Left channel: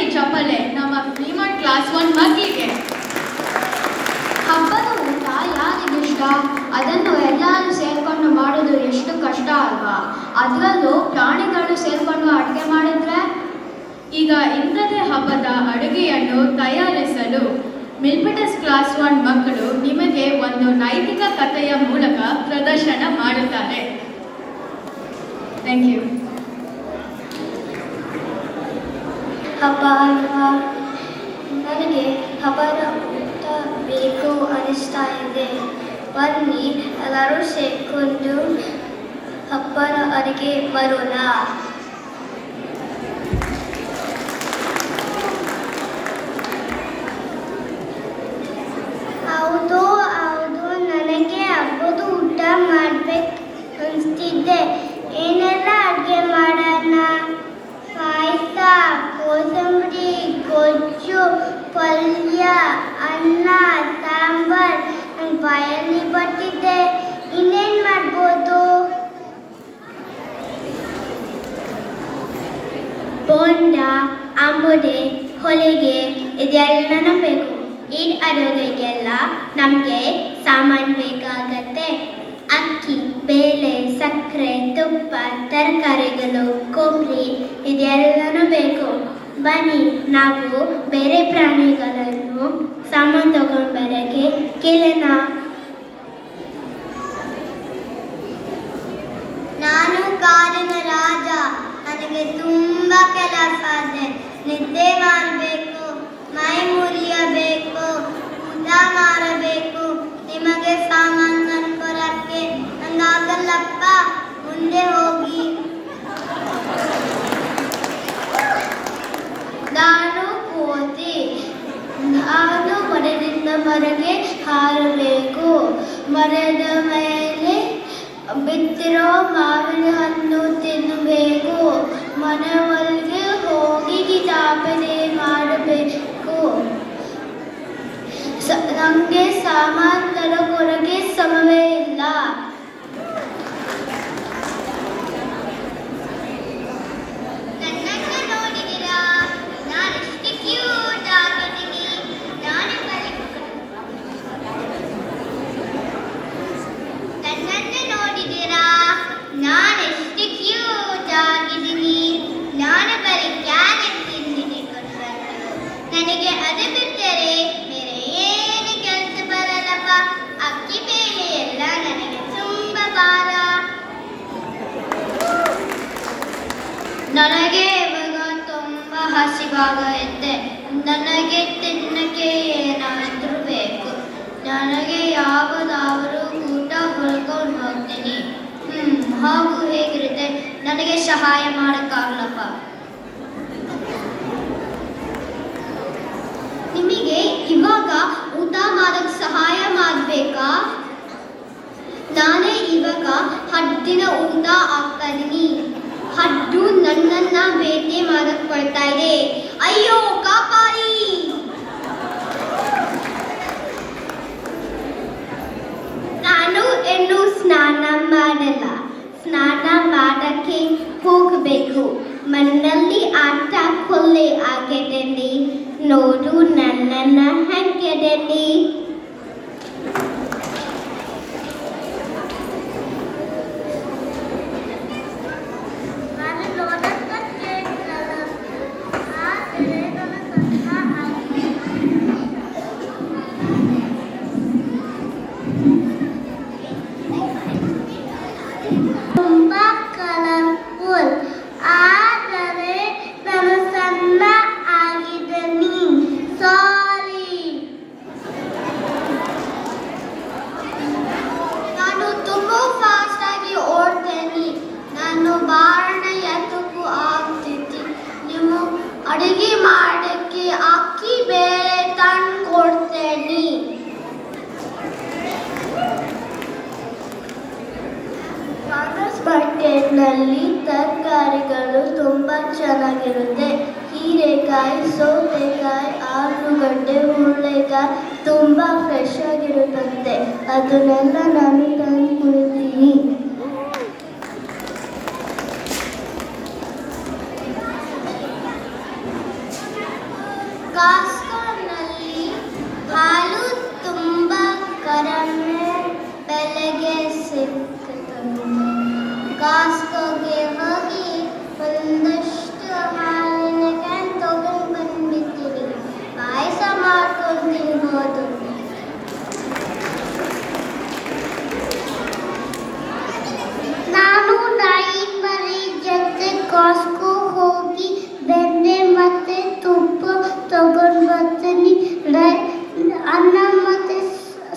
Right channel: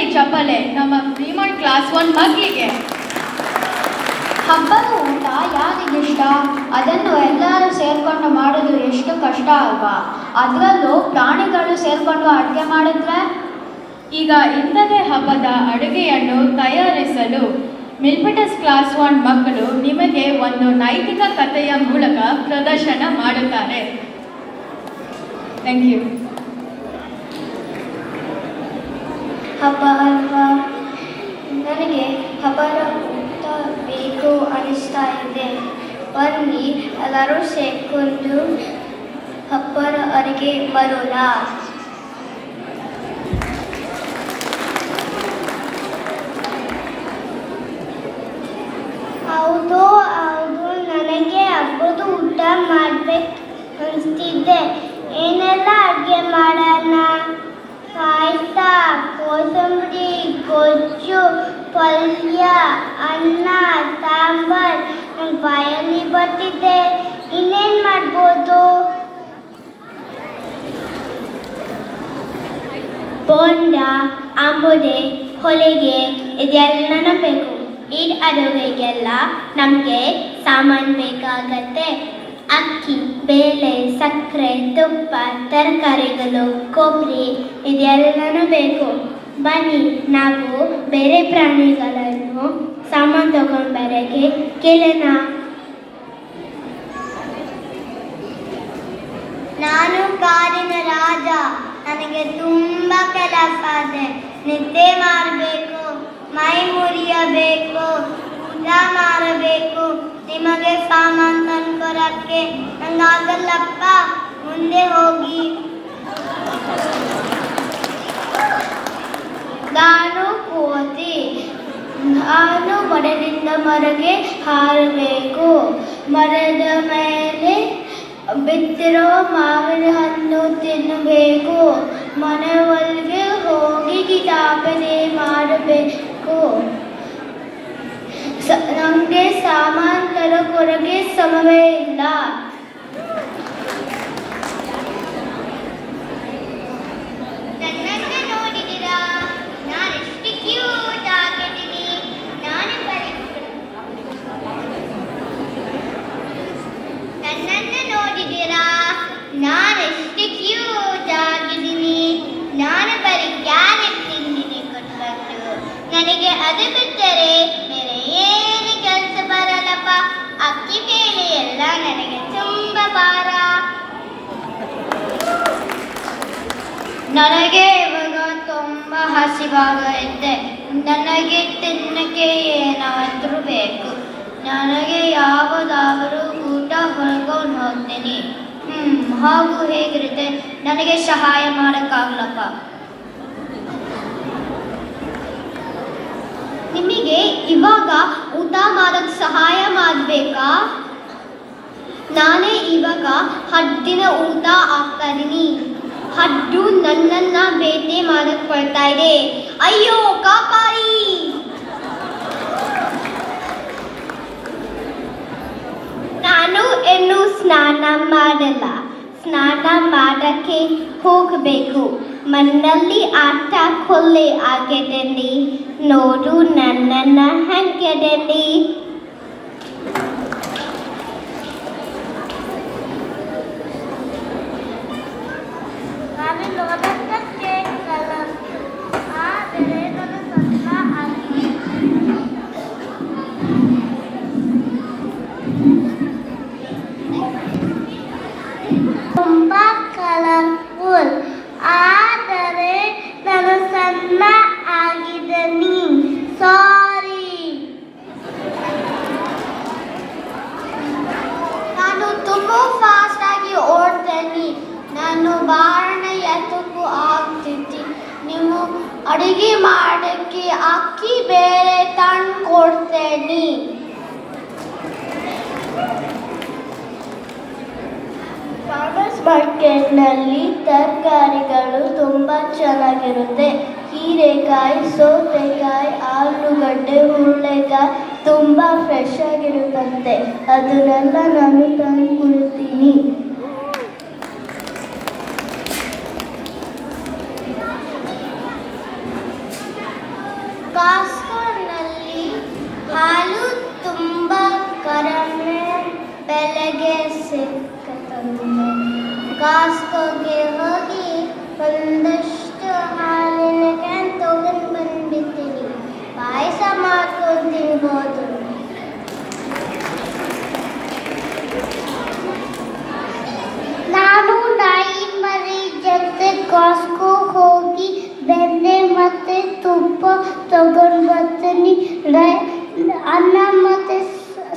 ಹೊಡಿರಿ ಚಪ್ಪಲೆ ನಮ್ಮ ಪ್ರೀಮಂಟ್ ಕ್ಲಾಸ್ 1 ಮಕ್ಕಳಿಗೆ. ಹಬ್ಬದ ಊಟ ಯಾರಿಗಿಷ್ಟ? ಅದನ್ನು ಎಲ್ಲರೂ ಸೇರ್ಕೊಂಡು ಮಾಡೋದು ಎಷ್ಟು ಕಷ್ಟ ಅಲ್ವಾ? ಅದರಲ್ಲೂ ಪ್ರಾಣಿಗಳು ಸೇರ್ಕೊಂಡು ಅಡುಗೆ ಮಾಡಿದ್ರೆ. ಈಗ ಇಂಥದೇ ಹಬ್ಬದ ಅಡುಗೆಯನ್ನು ತಯಾರಿಸಲು ಮಿಲ್ಪಿಟಸ್ ಕ್ಲಾಸ್ 1 ಮಕ್ಕಳು ನಿಮಗೆ ಒಂದು ನೈತಿಕ ಕಥೆಯ ಮೂಲಕ ಪ್ರದರ್ಶನ ಮಾಡುತ್ತಾರೆ. Thank you. ಹಬ್ಬ ಅಲ್ವಾ? ನನಗೆ ಹಬ್ಬದ ಊಟ ಬೇಕು ಅನಿಸ್ತಾ ಇದೆ. ಬನ್ನಿ ಎಲ್ಲರೂ ಸೇರ್ಕೊಂಡು ಹಬ್ಬದ ಅಡುಗೆ ಬರೋಣ. ಹೌದು ಹೌದು, ನನಗೆ ಹಬ್ಬದ ಊಟ ಮಾಡ್ಬೇಕು ಅನಿಸ್ತಿದ್ದೆ. ಏನೆಲ್ಲ ಅಡುಗೆ ಮಾಡೋಣ? ಪಾಯಸ, ಕೋಸಂಬರಿ, ಗೊಜ್ಜು, ಪಲ್ಯ, ಅನ್ನ, ಸಾಂಬಾರ್. ನನ್ನ ಬಾಯಲ್ಲಿ ಬರ್ತಿದ್ದೆ. ಇನ್ನೇನು ಮಾಡ್ಬೋದು? ಬೋಂಡ, ಆಂಬುಡೆ, ಹೊಲಿಗೆ ಇದೆಲ್ಲನೂ ಬೇಕು. ಈಡ್ ಅಡುಗೆಗೆಲ್ಲ ನಮಗೆ ಸಾಮಾನು ಬೇಕಾಗತ್ತೆ. ಅಕ್ಕಿ, ಬೇಳೆ, ಸಕ್ಕರೆ, ತುಪ್ಪ, ತರಕಾರಿಗಳು, ಕೊಬ್ಬರಿ ಇದೆಲ್ಲನೂ ಬೇಕು. ಬನ್ನಿ ನಾವು ಬೇರೆ ಪ್ರಾಣಿಗಳನ್ನು ಸಾಮಾನು ತಗೊಂಡ್ಬರೋಕ್ಕೆ ಕೇಳೋಣ. ನಾನು ಕಾಡಿನ ರಾಜ. ನನಗೆ ತುಂಬ ಕೆಲಸ ಇದೆ. ನಿದ್ದೆ ಮಾಡಬೇಕು, ಮೈ ಮುರಿಯಬೇಕು, ಊಟ ಮಾಡಬೇಕು. ನಿಮಗೆ ಸಾಮಾನು ತಂದ್ಕೊಡಕ್ಕೆ ನಂಗಾಗಲ್ಲಪ್ಪ. ಮುಂದೆ ಹೋಗಿ. ನಾನು ಕೋತಿ. ನಾನು ಮರದಿಂದ ಮರಗೆ ಹಾರಬೇಕು. ಮರದ ಮೇಲೆ ಬಿತ್ತಿರೋ ಮಾವಿನ ಹಣ್ಣು ತಿನ್ನಬೇಕು. ಮನೆಯೊಳಗೆ ಹೋಗಿ ಕಿತಾಪನೆ ಮಾಡಬೇಕು. ನಮಗೆ ಸಾಮಾನು ತರಕೊರಗೆ ಸಮಯವೇ ಇಲ್ಲ. ನನಗೆ ಅದು ಬಿಟ್ಟರೆ ಬೇರೆ ಏನು ಕೆಲಸ ಬರಲ್ಲಪ್ಪ. ಅಕ್ಕಿ ಬೇಳೆ ಎಲ್ಲ ನನಗೆ ತುಂಬ ಭಾರ. ನನಗೆ ಇವಾಗ ತುಂಬ ಹಸಿವಾಗುತ್ತೆ. ನನಗೆ ತಿನ್ನಕ್ಕೆ ಏನಾದರೂ ಬೇಕು. ನನಗೆ ಯಾವುದಾದರೂ ಊಟ ಹೊಳ್ಕೊಂಡು ಹೋಗ್ತೀನಿ. ಹಾಗೂ ಹೇಗಿರುತ್ತೆ? ನನಗೆ ಸಹಾಯ ಮಾಡೋಕ್ಕಾಗಲ್ಲಪ್ಪ. ನಿಮಗೆ ಇವಾಗ ಊಟ ಮಾಡೋಕ್ಕೆ ಸಹಾಯ ಮಾಡಬೇಕಾ? ನಾನೇ ಇವಾಗ ಹದ್ದಿನ ಊಟ ಹಾಕ್ತಾ ಇದ್ದೀನಿ. ಹದ್ದು ನನ್ನನ್ನ ಬೇಟೆ ಮಾಡಕ್ಕೆ ಬರ್ತಾ ಇದೆ. ಅಯ್ಯೋ ಕಾಪಾಡಿ! ನಾನು ಇನ್ನೂ ಸ್ನಾನ ಮಾಡಲ್ಲ. ಸ್ನಾನ ಮಾಡಕ್ಕೆ ಹೋಗಬೇಕು. ಮಣ್ಣಲ್ಲಿ ಆಟ ಕೊಲ್ಲೆ ಆಗಿದ್ದೀನಿ. ನೋಡು ನನ್ನನ್ನ ಹೆಂಗಿದ್ದೀನಿ. ತುಂಬ ಕಲರ್ಫುಲ್, ಆದರೆ ನಾನು ಸಣ್ಣ ಆಗಿದ್ದೀನಿ. ಸಾರಿ. ನಾನು ತುಂಬ ಫಾಸ್ಟ್ ಆಗಿ ಓಡ್ತೇನೆ. ನಾನು ಬಾರಣ ಎತ್ತಕ್ಕೂ ಆಗ್ತಿದ್ದೆ. ನೀವು ಅಡುಗೆ ಮಾಡೋಕ್ಕೆ ಅಕ್ಕಿ ಬೇಳೆ ತಂದು ಕೊಡ್ತೇನೆ. ಫಾರ್ಮರ್ಸ್ ಮಾರ್ಕೆಟ್ನಲ್ಲಿ ತರಕಾರಿಗಳು ತುಂಬ ಚೆನ್ನಾಗಿರುತ್ತೆ. ಹೀರೆಕಾಯಿ, ಸೌತೆಕಾಯಿ, ಆಲೂಗಡ್ಡೆ, ಹುರುಳಿಕಾಯಿ ತುಂಬ ಫ್ರೆಶ್ ಆಗಿರುತ್ತಂತೆ. ಅದನ್ನೆಲ್ಲ ನಾನು ತಂದು ಕೊಡ್ತೀನಿ. ಬಂದೆ. ಕಾಸ್ಕೋಗೆ ಹೋಗಿ ಒಂದಷ್ಟು ಹಾಲಿನ ಕ್ಯಾನ್ ತಗೊಂಡು ಬಂದ್ಬಿಡ್ತೀವಿ. ಪಾಯಸ ಮಾಡ್ಕೊಂಡಿರ್ಬೋದು. ನಾನು ನಾಯಿ ಮರಿ ಜೊತೆ ಕಾಸ್ಕೋ ಹೋಗಿ ಬೆಣ್ಣೆ ಮತ್ತೆ ತುಪ್ಪ ತಗೊಂಡು ಬರ್ತೀನಿ. ಅನ್ನ ಮತ್ತೆ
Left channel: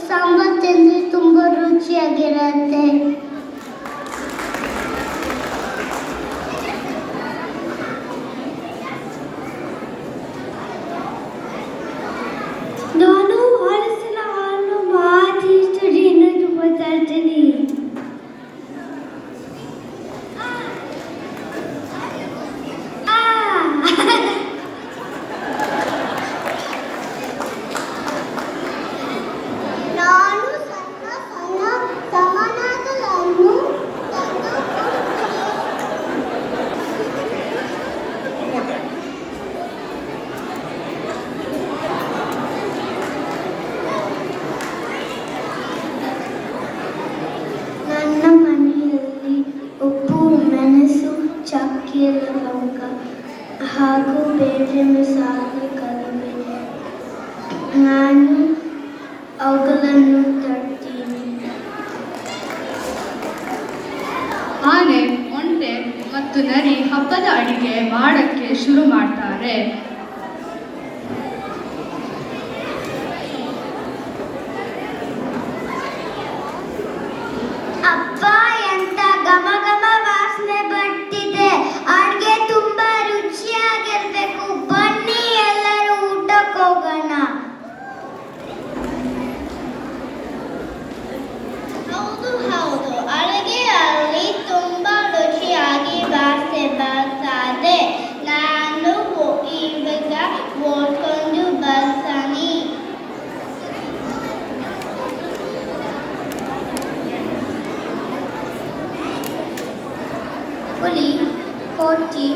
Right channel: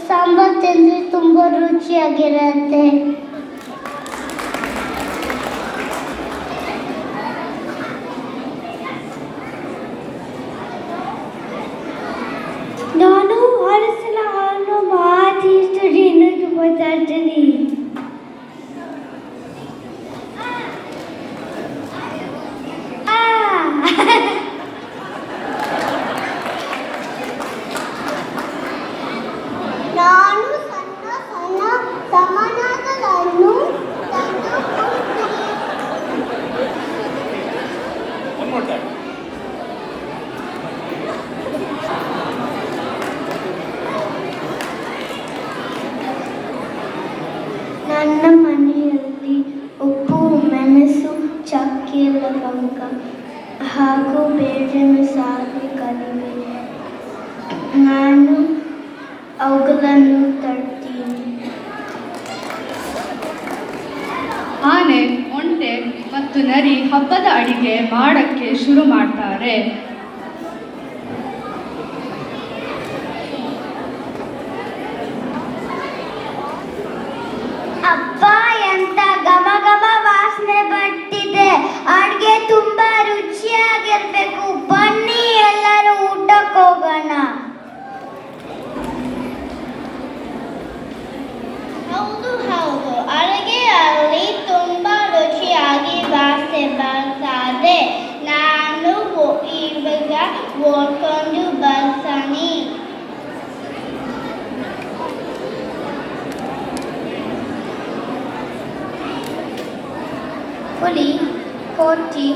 ಸಾಂಬಾರ್ ತಿಂದ್ರೆ ತುಂಬಾ ರುಚಿಯಾಗಿರುತ್ತೆ. ನಾನು ಹಲಸಿನ ಹಣ್ಣು ಮಾತಿ ದಿನಕ್ಕೆ ಬರ್ತೀನಿ. ನಾನು ಸಣ್ಣ ಸಣ್ಣ ಸಮನಾಗಳನ್ನು ನನ್ನ ಮನೆಯಲ್ಲಿ ಉಪ್ಪು, ಮೆಣಸು, ಚಕ್ಕೆ, ಲವಂಗ ಹಾಗೂ ಬೇಳೆ ಸಾರು ಕರಿಬೇವು. ನಾನು ಅವುಗಳನ್ನು ತರ್ತೀನಿ. ಆನೆ, ಒಂಟೆ ಮತ್ತು ನರಿ ಹಬ್ಬದ ಅಡಿಗೆ ಮಾಡಕ್ಕೆ ಶುರು ಮಾಡ್ತಾರೆ. ಅಪ್ಪ, ಎಂತ ಘಮ ಘಮ ವಾಸನೆ ಬರ್ತಿದೆ. ಅಡ್ಗೆ ತುಂಬಾ ರುಚಿಯಾಗಿರ್ಬೇಕು. ಬನ್ನಿ ಎಲ್ಲರೂ ಊಟಕ್ಕೆ ಹೋಗೋಣ. ಹೌದು ಹೌದು, ಅಡುಗೆಯಲ್ಲಿ ತುಂಬಾ ರುಚಿಯಾಗಿ ವಾಸನೆ ಬರ್ತದೆ. ನಾನು ಇವಾಗ ಓದ್ಕೊಂಡು ಬರ್ತಾನೆ. ಹುಲಿ, ಕೋತಿ,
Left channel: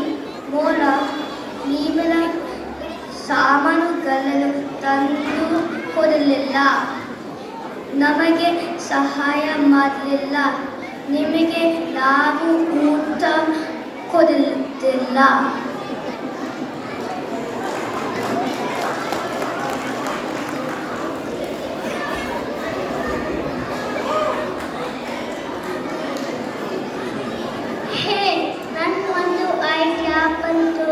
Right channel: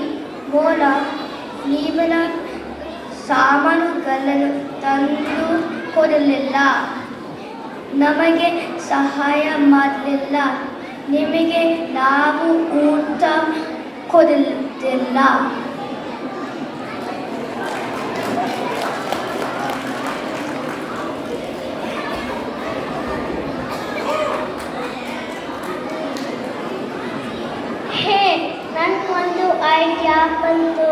ಬೋಳ ಇವರ ಸಾಮಾನುಗಳನ್ನು ತಂದು ಕೊಡಲಿಲ್ಲ. ನಮಗೆ ಸಹಾಯ ಮಾಡಲಿಲ್ಲ. ನಿಮಗೆ ನಾವು ಊಟ ಕೊಡಲಿಲ್ಲ. ಹೇ, ನನ್ಗೊಂದು ಐಡಿಯಾ ಬಂತು.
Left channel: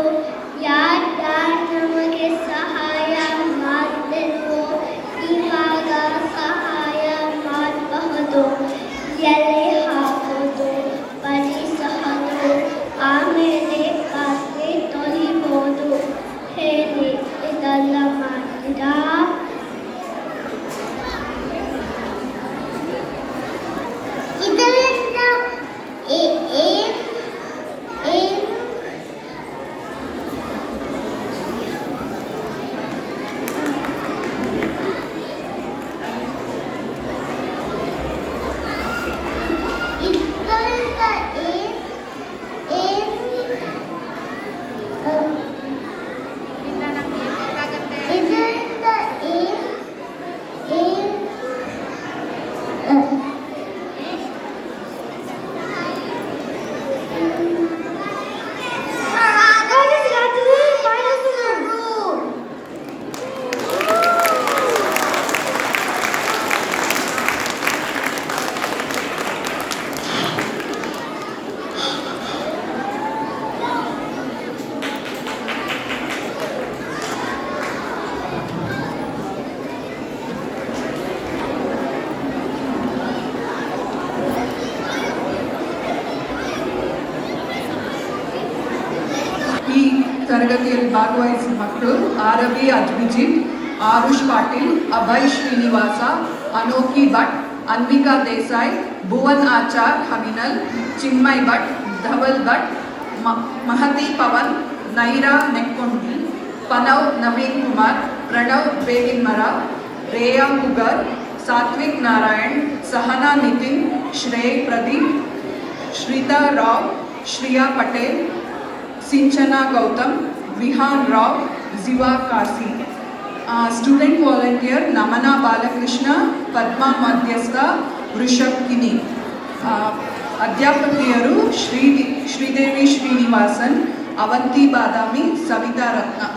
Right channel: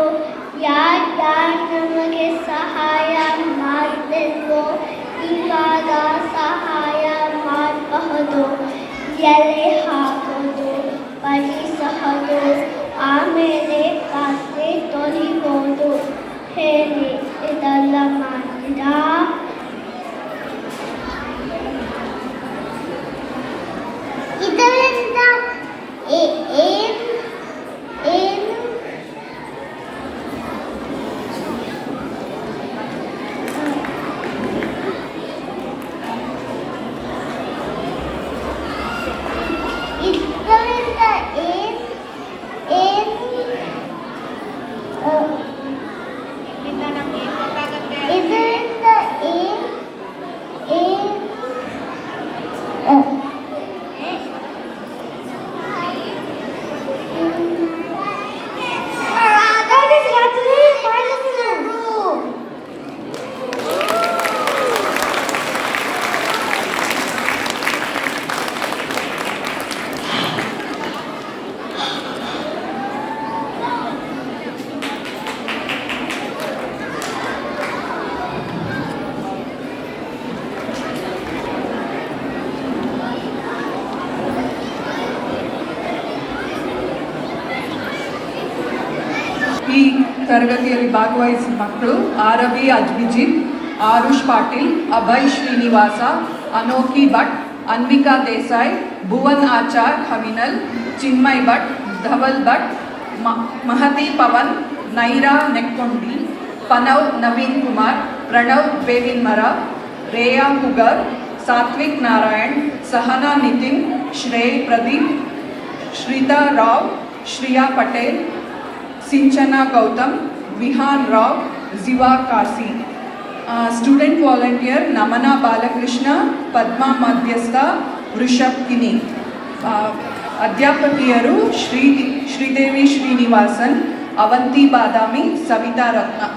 ಯಾರು ನಮಗೆ ಸಹಾಯ ಮಾಡಬೇಕು, ಇವಾಗ ಸಹಾಯ ಮಾಡಬಹುದು. ಎಲೆ ಹಾಕೋದು, ಪರಿಸೋದು, ಆಮೇಲೆ ಪಾತ್ರೆ ತೊಳಿಬೋದು. ಹೇಳಿ, ಇದೆಲ್ಲ ಮಾಡಿರಾ? ಇದರಿಂದ ಏನು ಈ ತರಗತಿಯಲ್ಲಿ ಭಾಗವಹಿಸಿದ ಮಕ್ಕಳು ಆರವಿ ಅಜ್ಬಿಜಿತ್, ಆರುಷ್ ಪಾಟೀಲ್, ಅಭಯ್ ಶ್ರೀನಿವಾಸ, ಅನೋಖಿ ಭಟ್, ಅನ್ವಿಕಾ ದೇಸಾಯಿ, ಭುವನ್ ಆಚಾರ್ ಹವಿನಲ್, ಚಿನ್ಮಯ್ ಭಟ್, ಧವಲ್ ಭಟ್, ಮಹತಿ ಪವನ್, ನೈರಾ ನೆಕ್ಕೊಂಡಿ, ಪನವ್ ನವೀನ್ ಕುಮಾರ್, ಪ್ರಣವ್ ಬೇವಿನ್ಮರ, ರೇಯಾ ಕುಗರ್, ಸಾತ್ವಿಕ್ ನಾರಾಯಣ್, ಸಹನಾ ನಿತಿನ್, ಶ್ರೇಯ್ ಪ್ರದೀಪ್, ಶ್ರೀತಾ ರಾವ್, ಶ್ರಿಯಾ ಪಟೇಲ್, ಸಿಂಚನಾ ಗೌತಮ್, ವಿಹಾನ್ ರಾವ್, ಜಿವಾ ಕಾಸಿ. ಸ್ಟೂಡೆಂಟ್ ವಾಲಂಟಿಯರ್ ನಮನ ಬಾಲಕೃಷ್ಣ, ಪದ್ಮಾ ಮಧ್ಯಸ್ಥ, ವೃಷಭ್ ಕಿನಿ. ಅಧ್ಯಾಪಕಿಯರು ಶ್ರೀದೇವಿ ಶ್ರೀನಿವಾಸನ್, ಅವಂತಿ ಬಾದಾಮಿ, ಸವಿತಾ ರತ್ನ.